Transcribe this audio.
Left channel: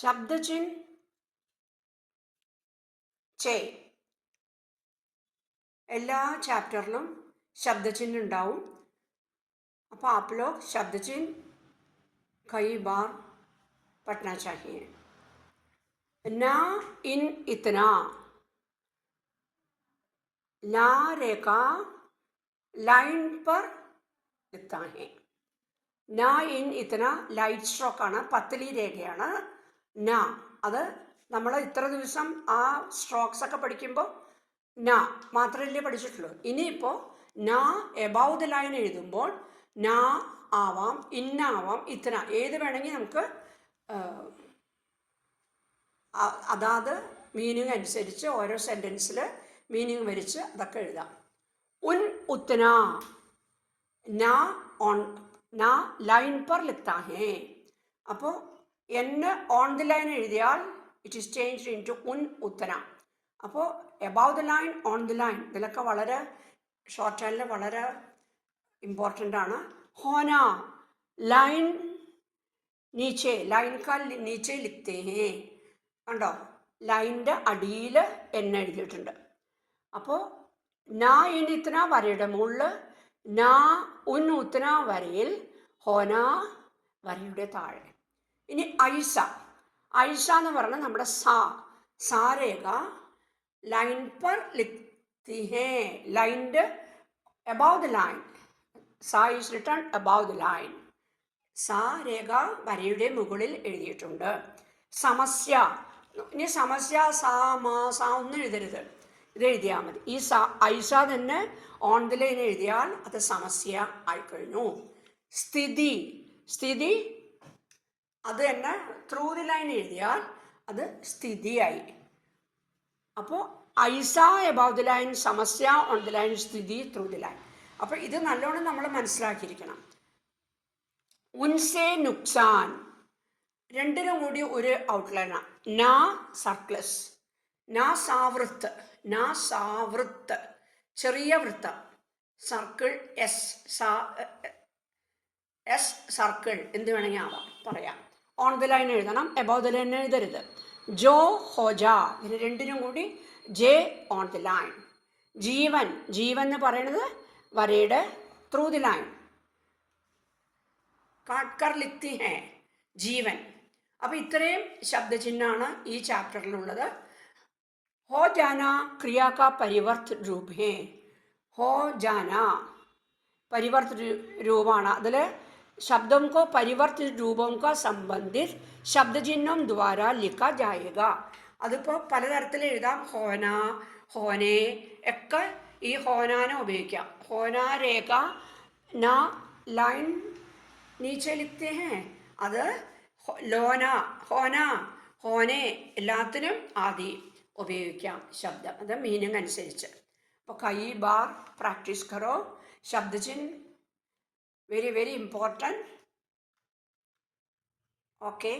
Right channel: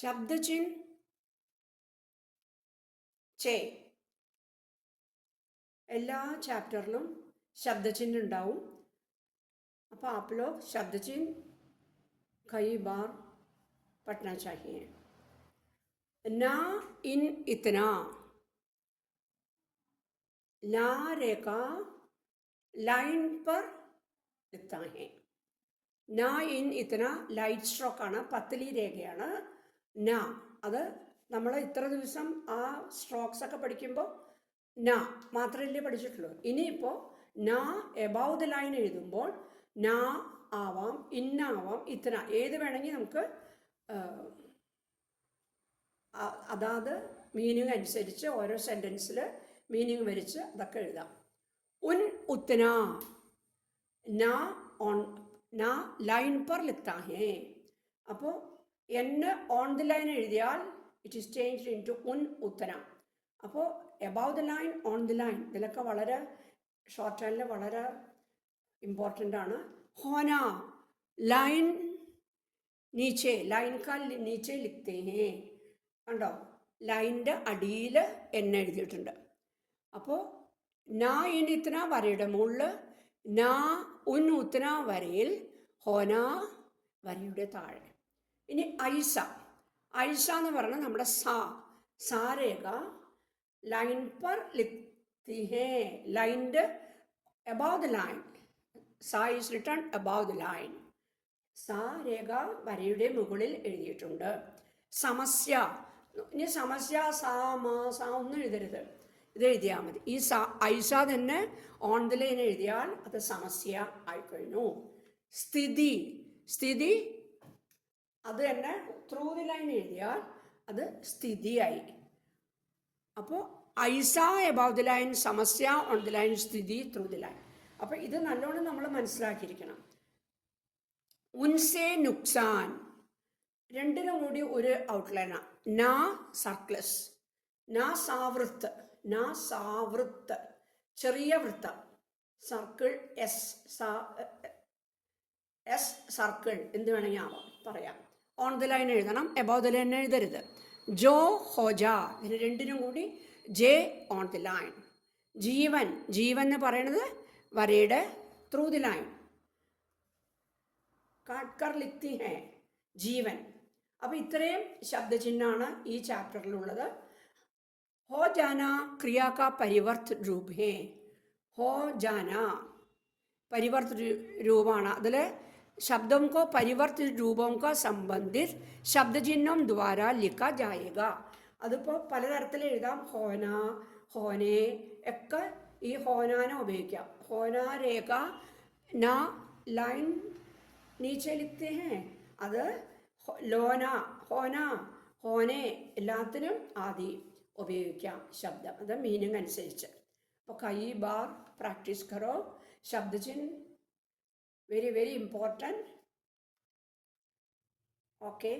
शब्दचिन्ह चे എല്ലാ ചാപ്റ്ററിലും ശബ്ദചിഹ്നം ഉണ്ടാവും. അപ്പോൾ आप लोग शब्दचिन्ह कई बार पढ़ना चाहिए. ना इन इतना, ला रेखा लाइन पर लिखता है. ना इन इतना ലൈറ്റ് സ്ട്രോക്കാണ്, പത്തലി രേഖയാണ് ന. അത് നമ്മൾ ഇത്ര ദിവസം ആ സ്ട്രോക്സ് ഒക്കെ പഠിക്കുമ്പോൾ ന മാത്രമല്ലേ പഠിച്ചിട്ടുള്ളൂ. ഇനിയിപ്പോൾ ന എബവ് ദ ലൈൻ എഴുതുമ്പോൾ ന ആവാം, ഇന്നാവാം, ഇത്ര ഏത് വേണമെങ്കിൽ നമുക്ക് അതാത് മീനിങ് അനുസരിച്ച് ഓരോ സെൻറ്റൻസിൽ മീനിങ് വരിച്ച് അതൊക്കെ എഴുതാം. ഉൻ ഉത്തന ന ഓൺ ന ലൈൻ पर लिखता है. അപ്പോൾ എന്നെ ഓൺ ദി ലൈൻ എഴുതിയാൽ it is changed into ഉൻ ഉത്തന. അപ്പോൾ above the line, on the line, ഇതിലൊക്കെ വളരെ ഷോർട്ട് ഹാൻഡിൽ വളരെ ഇമ്പോർട്ടൻ്റ് ആണ്. ഹോന ലൈൻ നീച്ചെ, ലൈൻ കാൽ നീച്ചെ ലിഖ്തേ ഹേ. കണ്ടോ, ലൈൻ്റെ അടിയിൽ എന്നെ എഴുതിയിട്ടുണ്ട്. അപ്പോൾ നാ ഇൻ ഇത്തന വരയുടെ മുകളിൽ, നാ ഉൻ ഉത്തന വരയിൽ, ഹോന വരയുടെ താഴെ. ഇനി ഐസ, ഐസ എന്ന് പറഞ്ഞാൽ നമ്മുടെ സാ രേഖ ലൈൻ पर लिखती है. ലൈൻ്റെ above the line, സാ is written above the line. സാ രേഖ വരയുടെ മുകളിൽ എഴുതിയിട്ടുണ്ട്. സമസ്യ, ഇനി സമസ്യ സാ മാ സാ ഒന്നും എഴുതരുത്, ഇത് എഴുതിയാൽ മതി. ഈ ഐസ തന്നെ ഓൺ ദി ലൈൻ എഴുതിയാൽ അത് സമസ്യ ആയിക്കഴിഞ്ഞു. സ്ഥിതി, സ്ഥിതി അത് തന്നെ ത്രൂ ദി ലൈൻ എഴുതിയാൽ അത് സ്ഥിതിയായി. അപ്പോൾ ഐസ എബവ് ദി ലൈൻ, സമസ്യ ഓൺ ദി ലൈൻ, സ്ഥിതി ത്രൂ ദി ലൈൻ. അപ്പോൾ ഇത് നല്ലോണം നമ്മൾ മനസ്സിലാക്കിയിരിക്കണം. ഉൻസെ നുക്സാൻ രണ്ടിനും കൂടി ഒരു ഔട്ട്ലൈനാണ്. നാ സർക്ലസ്, നാ സാവൃത്ത്, നാ സാവൃത്ത് ചെറിയ വൃത്തം, സർക്കിൾ എസ് സർക്കിൾ എന്ത് വേണമെങ്കിൽ ആവാം പറയാം. ഓൺ ദി ലൈൻ എഴുതണം, എബവ് ദി ലൈൻ എഴുതരുത്. ജോ ഹോജ, ഇതിന് രണ്ടിനും കൂടി ജെ ഓൺ ദി ലൈൻ. ജീവൻ, ജീവൻ എന്ന് പറയുന്നത് വരയുടെ ത്രൂ ദി ലൈൻ. കാട്ട്കർ ലിഖ്തി ഹേ, ജീവൻ. അപ്പോൾ ഇത്രയും ശബ്ദചിഹ്നമാണ് ഈ ചാപ്റ്ററിലുള്ളത്. ഹോ ജാന ക്രിയ കാ പരിവർത്ത് രൂപ് ഹേ. ഹോ ജാന പരിവർത്ത് രൂപമാണ്. അതിൽ शब्दों को परिवर्तित रूपों का संबंधित शब्द चिन्हों द्वारा लिखा जाएगा. അതിപ്പോൾ പലതരത്തിൽ എഴുതാം. ഹോന, ഹോനെ ഒക്കെ ഈ ഹോനാനെ ഉപയോഗിക്കാം. ഹോന രേഖ ന ലൈൻ നീച്ചെ ലിഖ്തേ ഹേ, അത് ലോന, ഹോന, ഹോനെ എല്ലാത്തിനും ആദി ഉപയോഗിക്കാം ശബ്ദം, അത് മീനിങ് അനുസരിച്ച്. അപ്പോൾ കൈ ബാർ പ്രാക്ടീസ് കറോ. ശബ്ദചിഹ്ന very very important. Okay.